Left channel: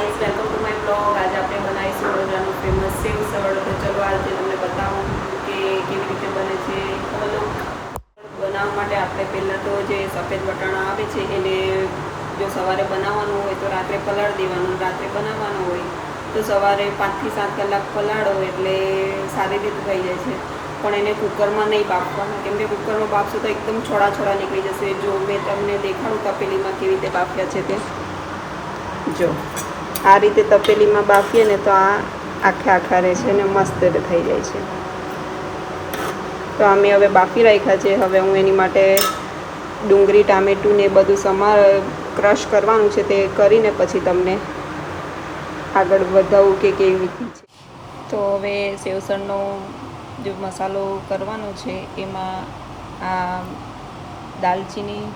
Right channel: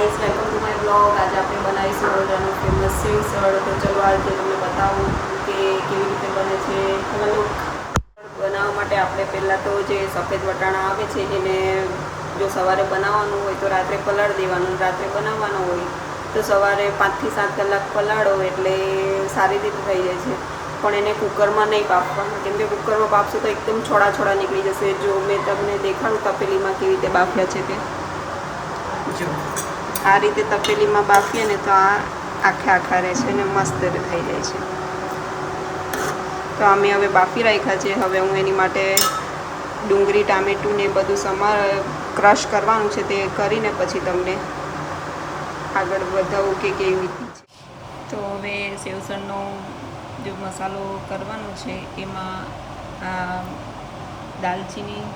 Guys, welcome to my blog. આજે આપણે બનાવીશું વડોદરાનું ફેમસ સેવસળ। તો ચલો આજે તમને બતાવું કે કેવી રીતે બને છે। બનાવવા માટે આપણે પહેલાં તો જે સફેદ વટાણા આવે છે એને જો સવારે બનાવવાનું હોય તો રાત્રે પલાળી દેવાનું, રાત્રે બનાવવાનું હોય તો સવારે 5 થી 7 કલાક પલાળો એટલે સારી રીતે થઈ જાય છે। પણ એને કુકરમાં નહીં બાફવાના, કેમ કે કુકરમાં બાફશો તો એકદમ છોડા છોડા નીકળી જશે। જો મેં તમને દેખાડું તપેલીમાં કેવી રીતે બાફલા છે તે જો આ રીતે તપેલીમાં બાફીએ ને તો આ આખા રહે છે ને મસ્ત થઈ જાય છે। તો અમે હવે બાફી રાખ્યા છે। હવે હું એની માટે ડુંગળી, ટામેટું ને બધું ક્રશ કરવાનું છે, તે કરીને પછી તમને આગળ વધાવું કે કેવી રીતે છે। તો હવે સેવસળનો જે મસાલો કરવાનો છે એમાં આ દાલચીની,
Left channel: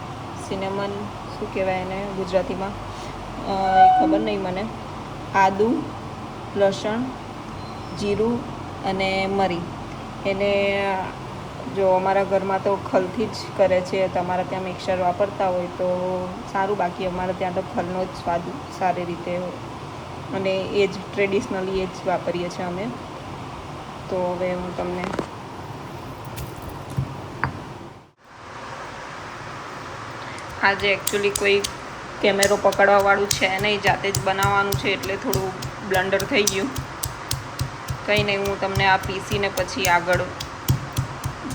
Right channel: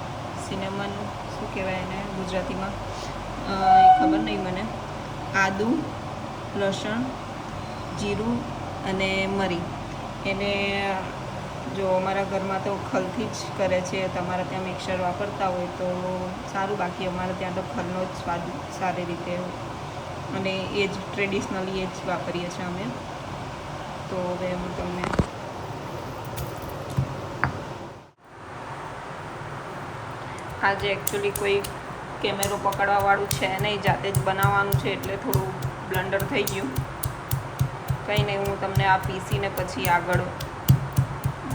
સિનેમન શું કહેવાય એને ગુજરાતીમાં ખબર નહીં મને, આદુ, લસણ, જીરું અને મરી એને જો અમારા ઘરમાં તો ખલથી જ કરે છે। તમારા ત્યાં મિક્સર વાપરતા હોય તો સારું, બાકી અમારે ત્યાં તો ખલનો જ સ્વાદ સારી રીતે અને એ જ ટ્રેડિશનલી એ જ વાપરીએ છીએ અમે। તો હવે હું તમને આજે એકચ્યુઅલી કોઈ કેમેરો પકડવાવાળું છે નહીં, જાતે જ બનાવવાનું છે એટલે થોડું બ્લન્ડર થઈ ગયું। કંઈ નહીં, હું તમને આ પીસીને પછી આગળ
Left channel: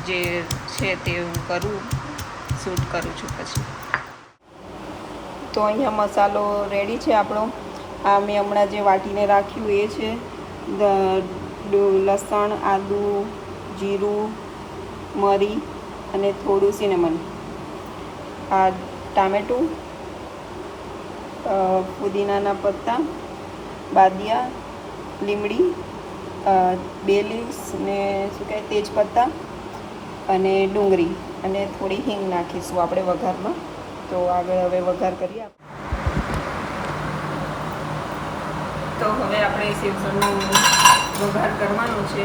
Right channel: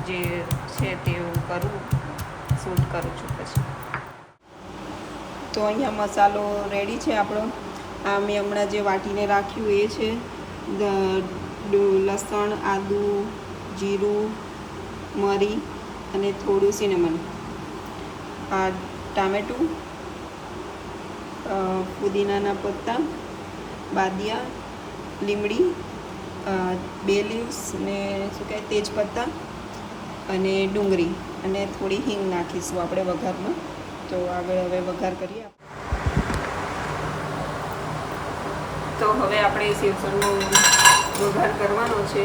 જે છે તે હું શૂટ કરું છું પછી। તો અહીંયા મસાલો રેડી છે આપણો। આ મેં હમણાં જે વાટીને રાખ્યું એ છે લસણ, આદુ, જીરું, મરી અને થોડું સિનેમન, આ ટામેટું, પુદીનાના પત્તા, બાદિયા, લીમડી, બે લીવ્સ ને શું કહે તેજપત્તા અને ડુંગળી અને થોડી હિંગ નાખીશું આપણે વઘારમાં। તો આગળ હવે વઘાર કરીએ। તો હવે આપણે સેવસળનો વઘાર કરવાનો છે,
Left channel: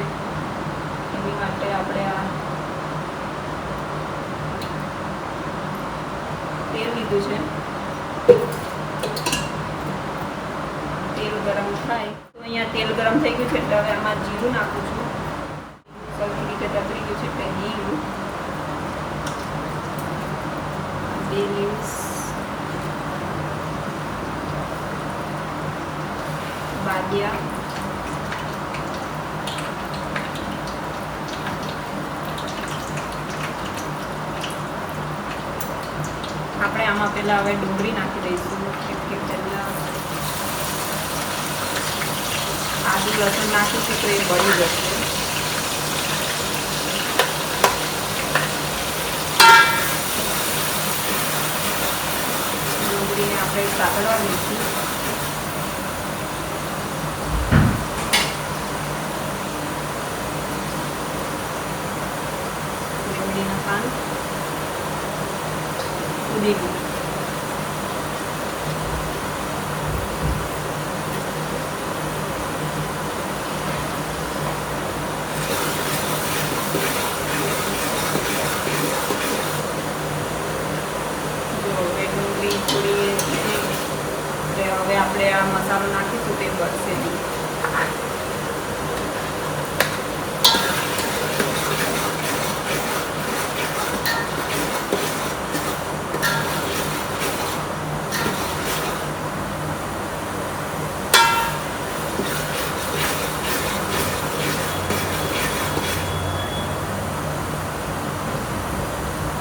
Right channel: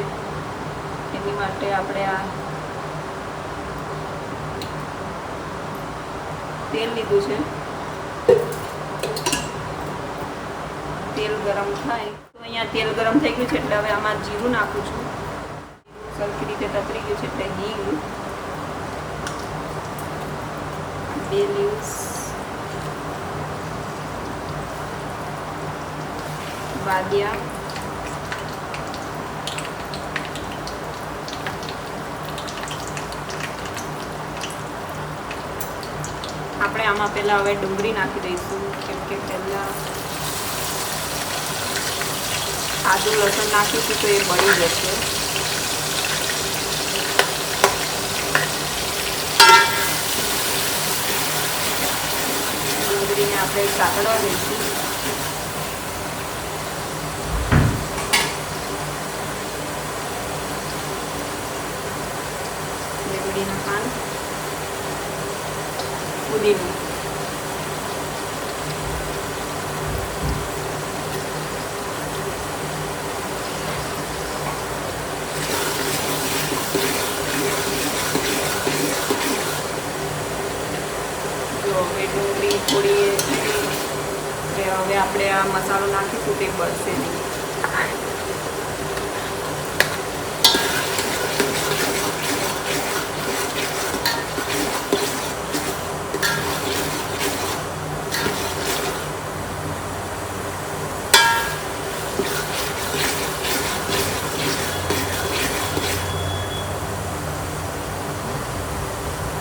એની માટે આપણે આ તેલ લીધું છે। તેલ ગરમ થાય તો અહીંયા તેલ ગરમ થઈ ગયું છે એટલે હવે આમાં જીરું નાખું છું। સરખી રીતે તતરી ગયું છે એટલે જીરું, 2 લીવ્સ, બાદિયા, આપણે આમાં પહેલાં હવે ડુંગળી નાખી દઈશું, કેમ કે પહેલાં આદુ લસણ નાખીશું તો એ બળી જશે। ડુંગળીને આપણે સાંકળવા દઈશું। લીમડીના પાન, પુદીનો, ડુંગળી થોડી હવે આપણે આ મસાલો નાખીશું તે બળશે નહીં।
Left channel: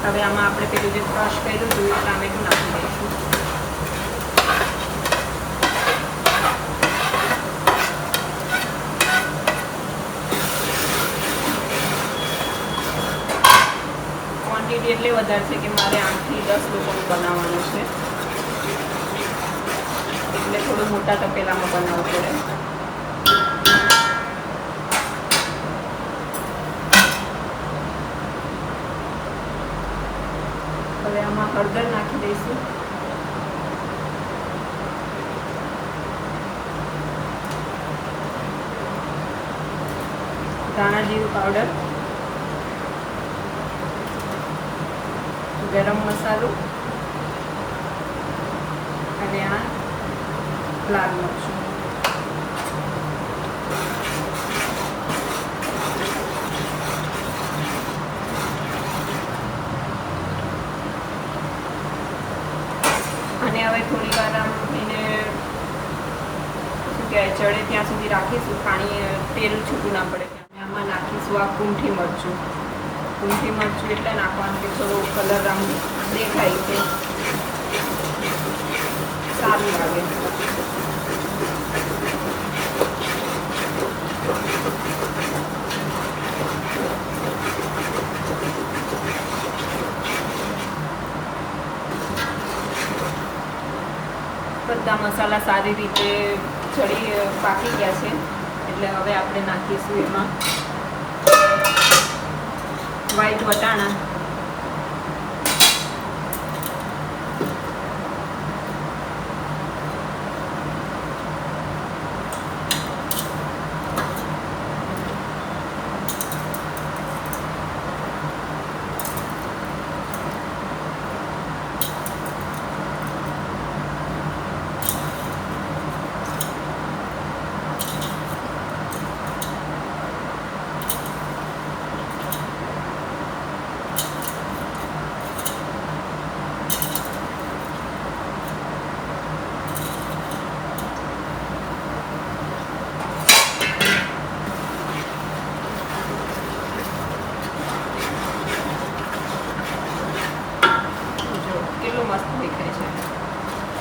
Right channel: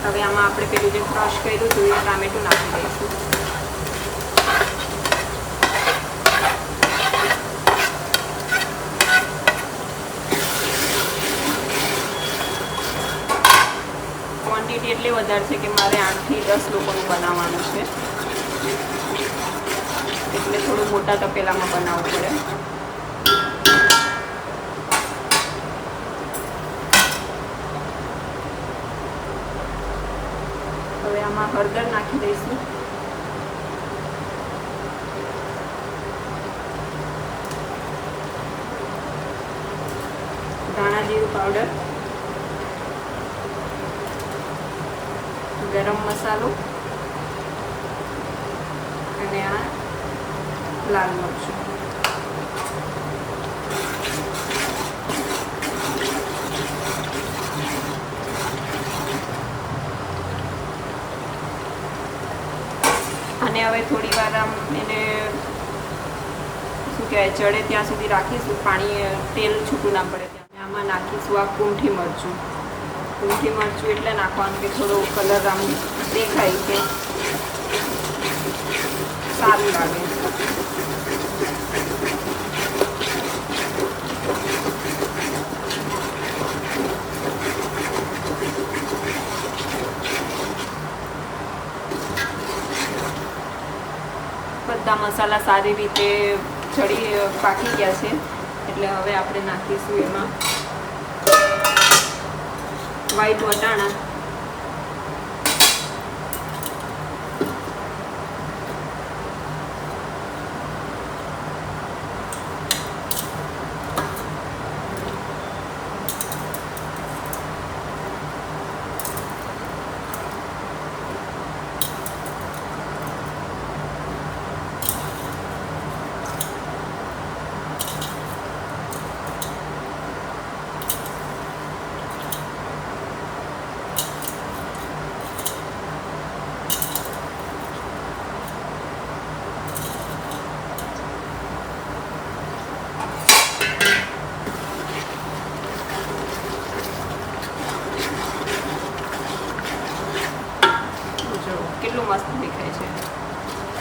હવે આમાં આપણે પેલું જે ક્રશ કર્યું હતું એ ટામેટું નાખી દઈશું। ક્વોન્ટિટી એટલે વધારે છે કે મારે 8 થી 10 લોકોનું બનાવવાનું છે, એટલે થોડું મોટા તપેલામાં બનાવવું પડે। હવે આમાં હળદર નાખી દઈશું, ધાણા જીરું પાવડર, ગરમ મસાલો અને આ લાલ મરચું. અને હવે થોડી વાર આમ એને શું કહેવાય ચડે ત્યાં સુધી રાખીશું, પાણી તેલ છૂટું ના પડે ત્યાં. આમાં નાખીશું આ કૂંઠી મરચું. કૂંઠી મરચું એટલે નાખવાનું કે થોડો કલર આમ દેખાય કે સારું લાગે. બધા મસાલા સારી રીતે પાકી ગયા છે, એટલે હવે આપણે નાખીશું એમાં વ્હાઈટ વટાણા. કેટલું મસ્ત દેખાય છે.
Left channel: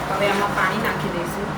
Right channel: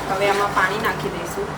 હવે આમાં પાણી નાખી દઈશું.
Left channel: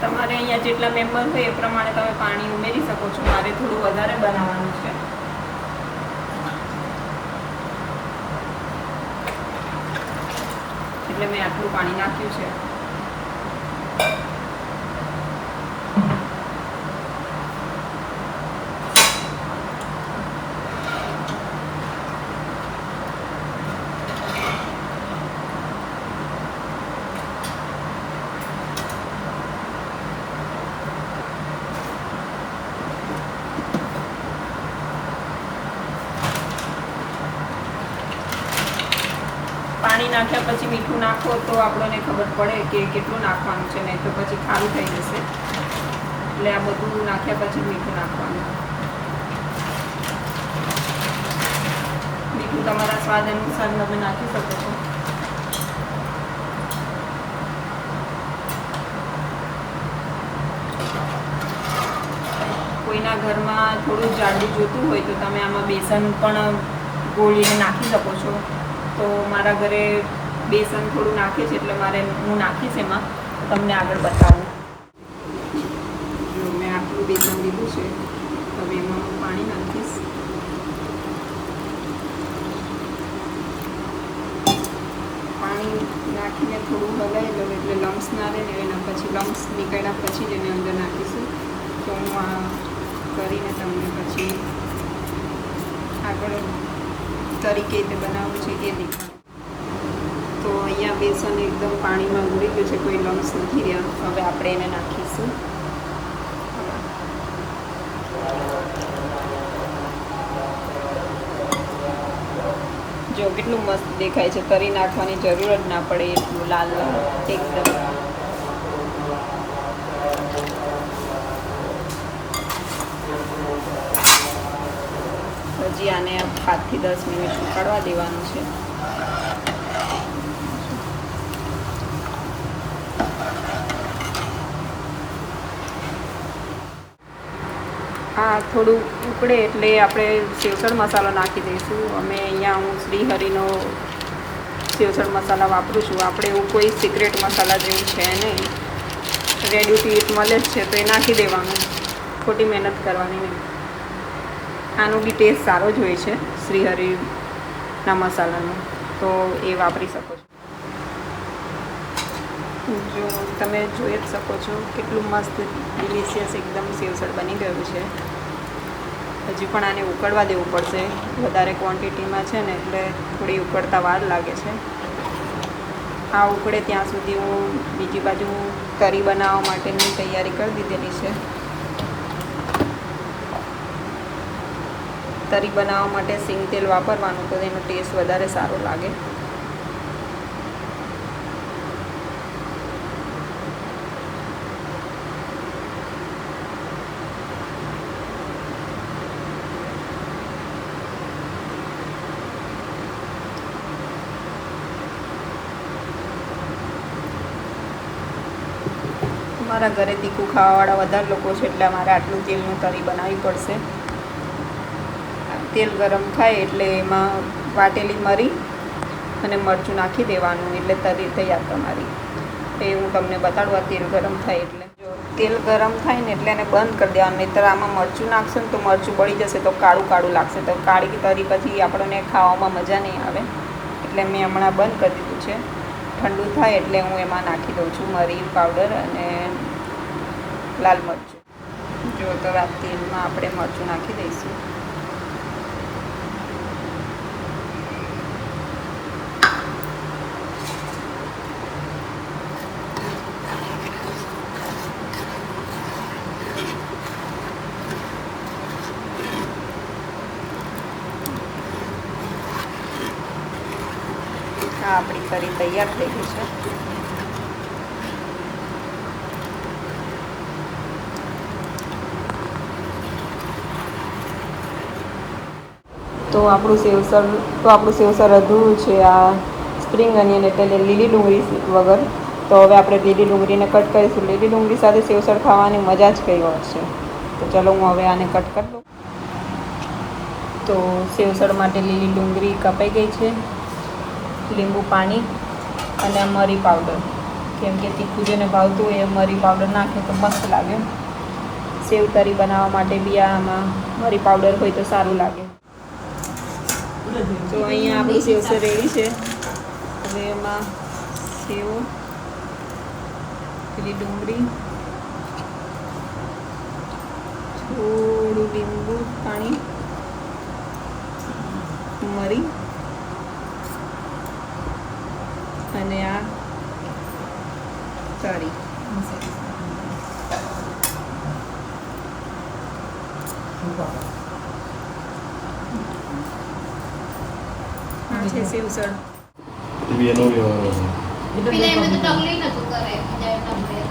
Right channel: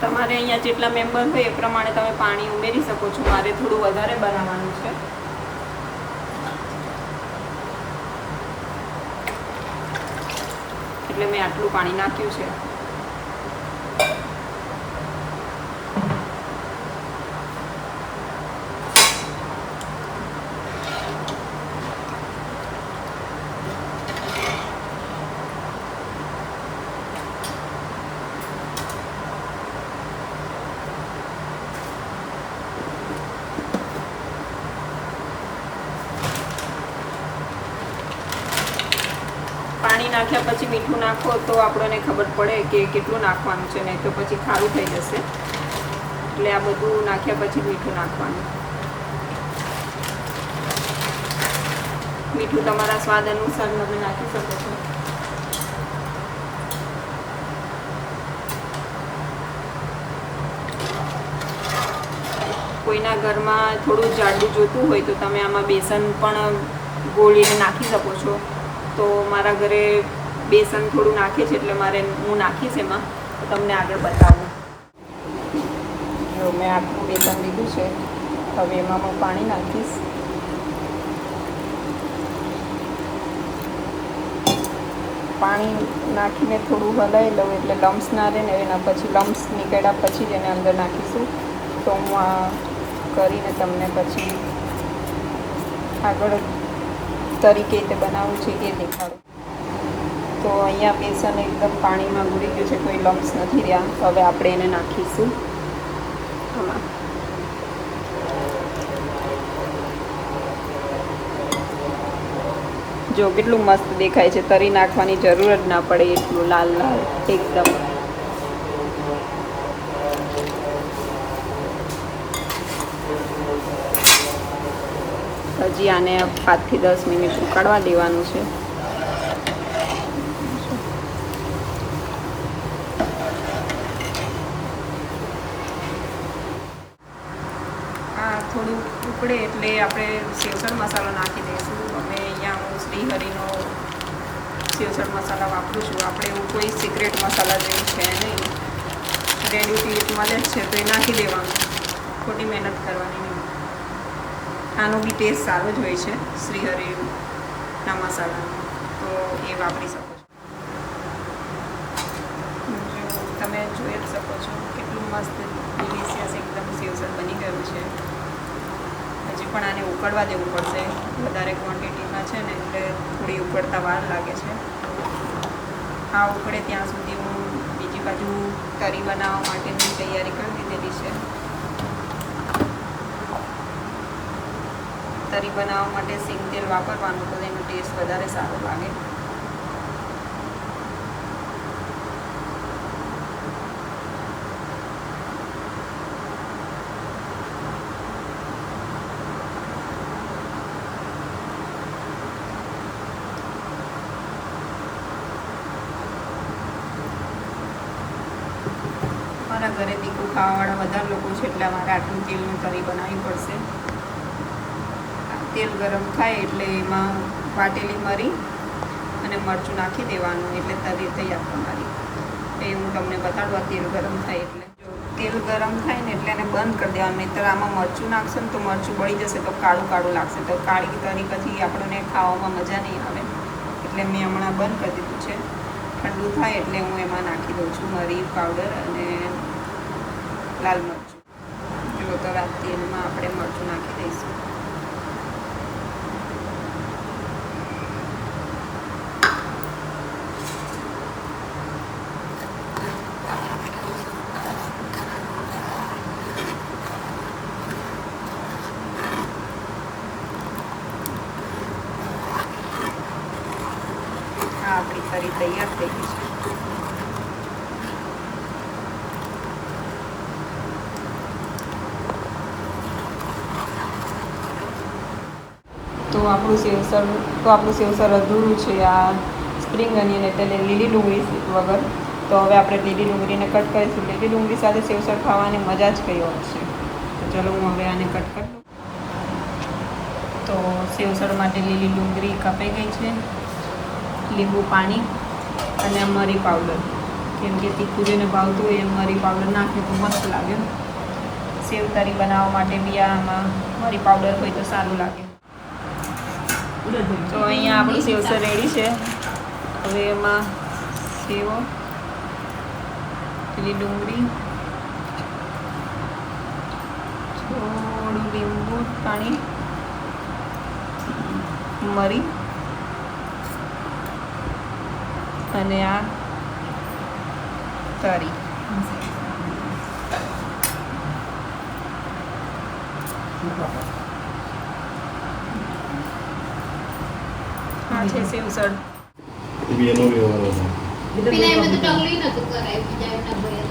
તમારે અહીંયા જેટલા મેમ્બર હોય એ પ્રમાણે તમે પાણી ઉમેરી શકો છો. મારે થોડું વધારે બનાવવાનું છે, એટલે મેં આટલું પાણી નાખ્યું છે. પાણી નાખ્યા પછી મીઠું નાખો તો આપણને ખબર પડે કે કેટલું નાખવાનું છે, નહીં તો પછી ખારું થઈ જશે. એટલે આ બધું નાખ્યા પછી મીઠું નાખવાનું. મીઠું તમારા સ્વાદ અનુસાર તમે નાખી શકો છો. કોઈના ઘરમાં થોડું જાડું જોતું હોય તો તમે આમાં બેસન પણ ગોળીને નાખી શકો છો. તો મારા ઘરે બેસન થોડું નાખે છે, એટલે હું નાખીશ એમાં. તમને આગળ બતાવું. જો મેં આટલું બેસન લીધું છે, હવે એમાં હું પાણી નાખીશ. પાણી નાખીને થોડું હલાવી દઉં એટલે લમ્સ ના રહે ને. એના પછી લમ્સ નીકળ્યા પછી જ એને અંદર નાખીશું. તો હું કરીને તમને પછી આગળ તરીકે રીતે બનાવવું છે એ દેખાડું. તો અહીંયા બેસન એકદમ પાણીમાં ઉડી ગયું છે, કોઈ લમ્સ નથી રહ્યા. હવે આપણે એને નાખીશું. જો કેટલું મસ્ત દેખાય છે. તરી નાખવાની જરૂર જ ના પડે એટલું લાલ એકદમ. હજી આને 7 થી 10 મિનિટ ઉકાળવા દેવાનું છે. આ થોડું ઉકળે એટલે આપણે સેવસળ મસાલો નાખી દઈશું. અમે અહીંયા હું શ્રીહરિનો સેવસળ મસાલા વાપરું છું. આપણે એવું કોઈ સિક્રેટ મસાલા જેવું છે નહીં, રેડી ટુ ઇટ મળે જ છે તો એ નાખી દેવાનું, ખોટી મહેનત કરવાની નહીં. આનો બી ટેસ્ટ સારો જ હોય છે શ્રીહરિના મસાલાનો, તો એ વાપરી શકો છો. જો તમે જોઈ જ શકો છો કેટલું મસ્ત ડિલિશિયસ એકદમ સેવસળ બની ગયું છે. હજી પણ આને ઉકળવા દેવું પડશે, વધારે ક્વોન્ટિટીમાં છે ને એટલે થોડી ઉકળતા વાર લાગે છે. આ ઉકળે ત્યાં સુધી હું બીજી બાજુ કરી બનાવવા માટેની તૈયારી કરી દીધેલી છે. તરી બનાવવા માટે સિંગ તેલ વાપરવાનું, તો એનો ટેસ્ટ વધારે સારો લાગે. મારા ઘરે તીખું ખાવાવાળા વધારે લોકો છે એટલે મારે આટલું તેલનું તરી બનાવવી પડશે. તેલ ગરમ થાય એટલે એમાં વાટેલી મરી અને મરચું નાખી દેવાનું, એટલે તરી તૈયાર તમારી. એ હું તમને બતાડવા તેલ ગરમ થાય એટલે. જો તેલ ગરમ થાય ને એટલે એને બંધ કરી દેવાનું, નહીંતર આમાં મરચું નાખશે ને તો મરચું બળી જશે તો કાળું કાળું લાગશે, તો કાળી તરી પછી આપણને ખાવામાં મજા નહીં આવે. એટલે મેં હમણાં બંધ કરી દીધું છે. ઠંડુ થાય એટલે હું એમાં નાખી દઉં છું મરી પાવડર અને લાલ મરચું. જો તો આ તેલમાં આપણે મરચું નાખી દઈશું. આપણી કરી તૈયાર થઈ ગઈ છે. તો આપણું સેવસળ અધૂરું છે. આ સ્પ્રિંગ અનિયન એટલે લીલી ડુંગળી વગર. તો હવે આપણે લીલી ડુંગળીને કટ કરીશું. લીલી ડુંગળી સાથે સેવસળ ખાવાની મજા જ કઈ વાર છે. તો ચલો હું હવે આને કટ કરી દઉં. તો સેવસળ માટે લીલી ડુંગળી કપાઈ ગઈ છે. લીંબુ પાણી અને મરી પાવડર, કેમ કે તીખું જેને ભાવતું હોય એ મરી પાવડર નાખે તો મસ્ત લાગે. સેવ તરી બનાવવા માટે બી આમાં મરી પાવડર હોય તો સારું લાગે. તો અહીંયા આપણી સેવસળ રેડી છે. હવે એમાં સેવો, લીલી ડુંગળી, થોડું લીંબુ પાણી, મરી અને આ તરી. આ છે સેવસળ. પેલા એમને તો ટંગલી નતું કરાય, બીજા એમના ભર્યા